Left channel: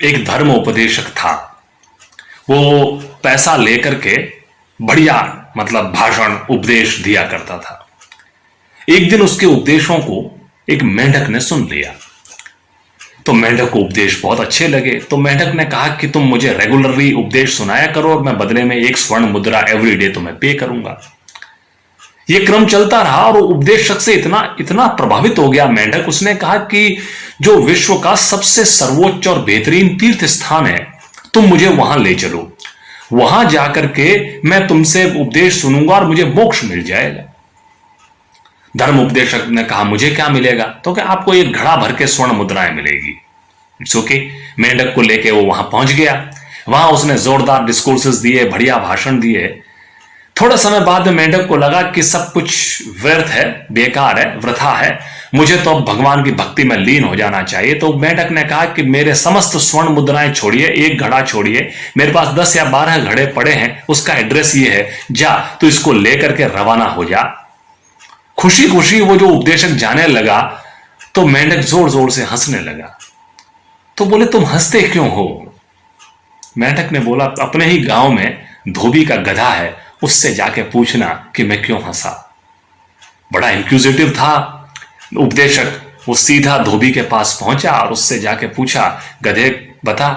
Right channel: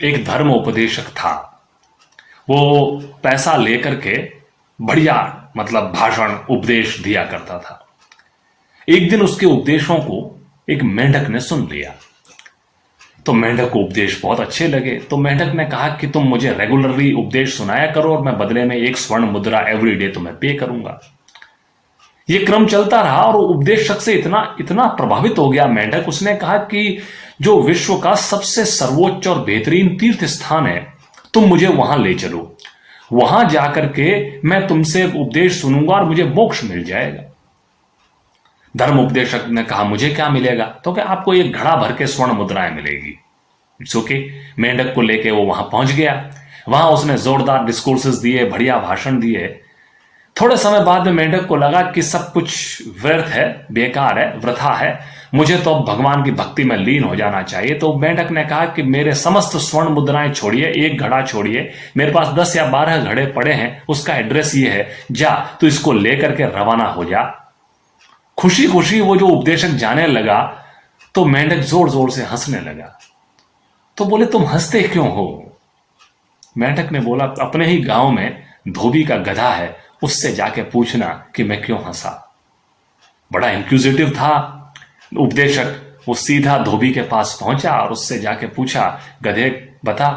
एक धर्म उपदेशक था। वो पैसा लेकर के बढ़िया मतलब भाषण उपदेश दिया करता था। एक दिन उसके उपदेशों को एक मेंढक ने सुन लिया। तो मेंढक को उपदेश बहुत अच्छे लगे। तो मेंढक ने कहा कि तुम मुझे रेगुलरली उपदेश सुनाया करो और मैं बदले में 1 स्वर्ण मुद्रा एवरीडे तुम्हें पे करूंगा। ये क्रम चलता रहा और उपदेशक से इतना इतना प्रभावित हो गया मेंढक, उसने कहा कि जो विश्व का सबसे सर्वोच्च और बेहतरीन तीर्थ स्थान है, तुम मुझे वहां ले चलो। वहां जाकर के मैं तुमसे उपदेश सुनूंगा और मुझे मोक्ष मिल जाएगा। धर्म उपदेशक ने कहा मुझे क्या मिलेगा? तो क्या आपको एक घड़ा भर के स्वर्ण मुद्राएं मिलेगी। It's okay. मेंढक को लेके वो वहां पहुंच गया। वहां उसने जोरदार डिस्कोर्सेस दिए, बढ़िया भाषण दिए। थोड़े समय बाद में मेंढक को लगा कि सब कुछ व्यर्थ है, बेकार है, वृथा है, मुझे तो अब भगवान की भक्ति में लीन हो जाना चाहिए। तो मेंढक ने कहा कि मेरे समस्त स्वर्ण मुद्राएं छोड़िए, एक घड़ा छोड़िए, मेरे पास 10 या 12 घड़े पड़े हैं, उसका एड्रेस ये है, जा तो इसको लेकर के रवाना हो जा। खुशी खुशी वो जो उपदेशक जाने लगा तो मेंढक जोर जोर से हंसने लगा। तो बोले तुम हंसते क्यों हो? मेंढक ने बोला अपने ही गांव में धोबी का गधा है, उससे जाके पूछना कि मैं क्यों हंसा। बड़ा इंक्विजिटिव था उपदेशक। वो सीधा धोबी के पास पहुंचा और उससे जाके पूछा, गधे बता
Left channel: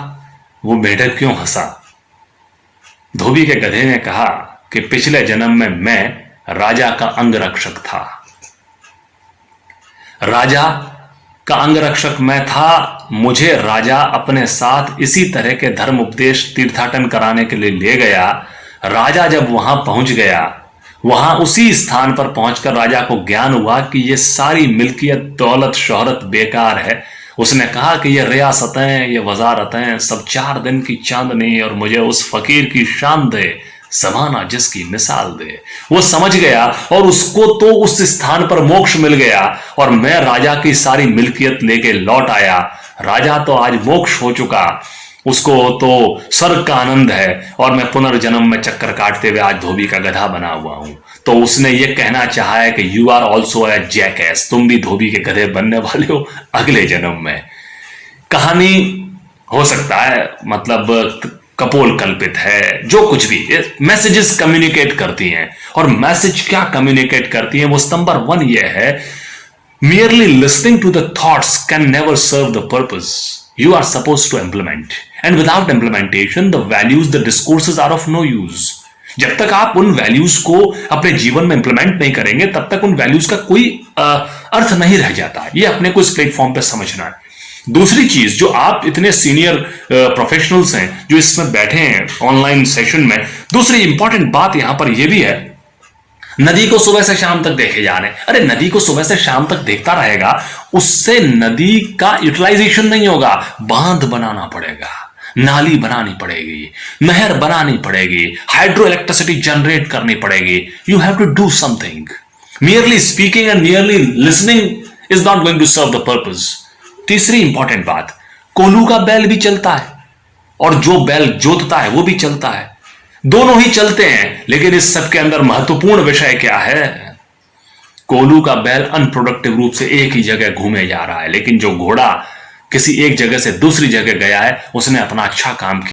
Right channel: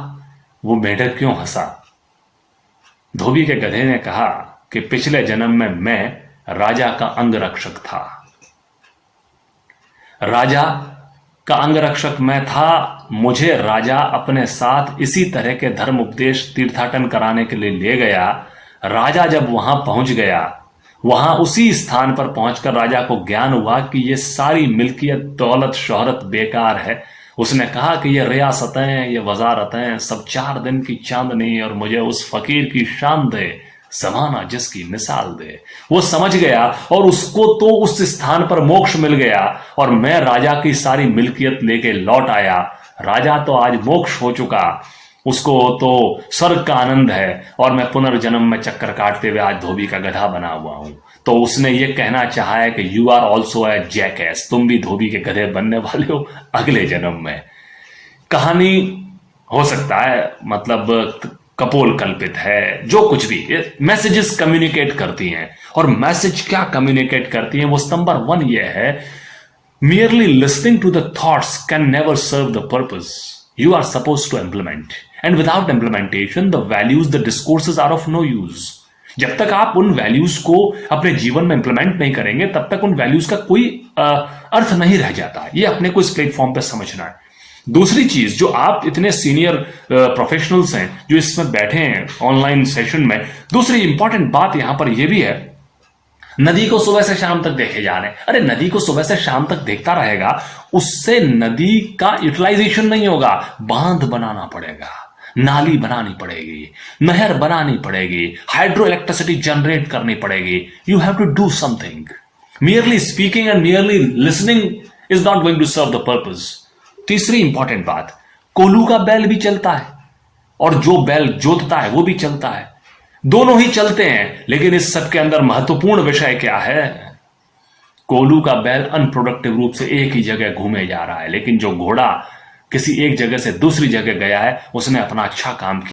वो मेंढक क्यों हंसा? धोबी के गधे ने कहा कि पिछले जन्म में मैं राजा का अंगरक्षक था। राजा का अंगरक्षक मैं था। मुझे राजा अपने साथ इसी तरह के धर्म उपदेश तीर्थाटन कराने के लिए ले गया। राजा जब वहां पहुंच गया, वहां उसी स्थान पर पहुंचकर राजा को ज्ञान हुआ कि ये सारी मिल्कियत, दौलत, शोहरत बेकार है। उसने कहा कि ये रियासतें, ये वजारतें सब 4 दिन की चांदनी और मुझे उस फकीर की शान दे, समाना जिसकी मिसाल दे। वो समझ गया और उसको तो उस स्थान पर मोक्ष मिल गया और मैं राजा की सारी मिल्कियत लेके लौट आया। राजा तो आज मोक्ष हो चुका, उसको तो स्वर्ग का आनंद है और मैं पुनर्जन्म में चक्कर काटते हुए आज धोबी का गधा बना हुआ हूं। तो उसने ये कहना चाहा है कि यू आर ऑल्सो ए जैकएस, तुम भी धोबी के गधे बनने वाले हो अगले जन्म में। कहानी हो सकता है मतलब कपोल कल्पित है, जो कुछ भी मैसेजेस कम्युनिकेट करती हैं। और मैसेज क्या कम्युनिकेट करती है? वो नंबर 1 ये है, merely listening to the thoughts can never serve the purpose you are supposed to implement, and without implementation the values, the discourses are of no use. जब तक आप उन वैल्यूज को अपने जीवन में इंप्लीमेंट नहीं करेंगे तब तक उन वैल्यूज का कोई अर्थ नहीं रह जाता। ये अपने को इस प्लेटफॉर्म पे समझना है। दूसरी चीज, जो आप इतने सीनियर प्रोफेशनल्स हैं जो इसमें बैठे हैं ऑनलाइन सेशन में, दूसरी इंपॉर्टेंट बात यहां पर यह भी है, नदी को सुबह से शाम तक देखे जा रहे हैं। अरे नदी को सुबह से शाम तक देखता रहेगा, उससे नदी का यूटिलाइजेशन नहीं होगा। बांध बनाना पड़ेगा, नाली बनानी पड़ेगी, नहर बनानी पड़ेगी, हाइड्रो इलेक्ट्रिसिटी जनरेट करनी पड़ेगी। You have to do something. Merely speaking and merely listening is not going to serve the purpose. तीसरी इंपॉर्टेंट बात, कोल्हू का बैल भी चलता है और जो बैल जोतता है वो भी चलता है। दोनों ही चलते हैं, लेकिन इस सब के अंदर महत्वपूर्ण विषय क्या है? कोल्हू का बैल अनप्रोडक्टिव रूप से एक ही जगह घूमे जा रहा है, लेकिन जो घोड़ा किसी एक जगह से दूसरी जगह गया है उसने अपना अच्छा काम किया।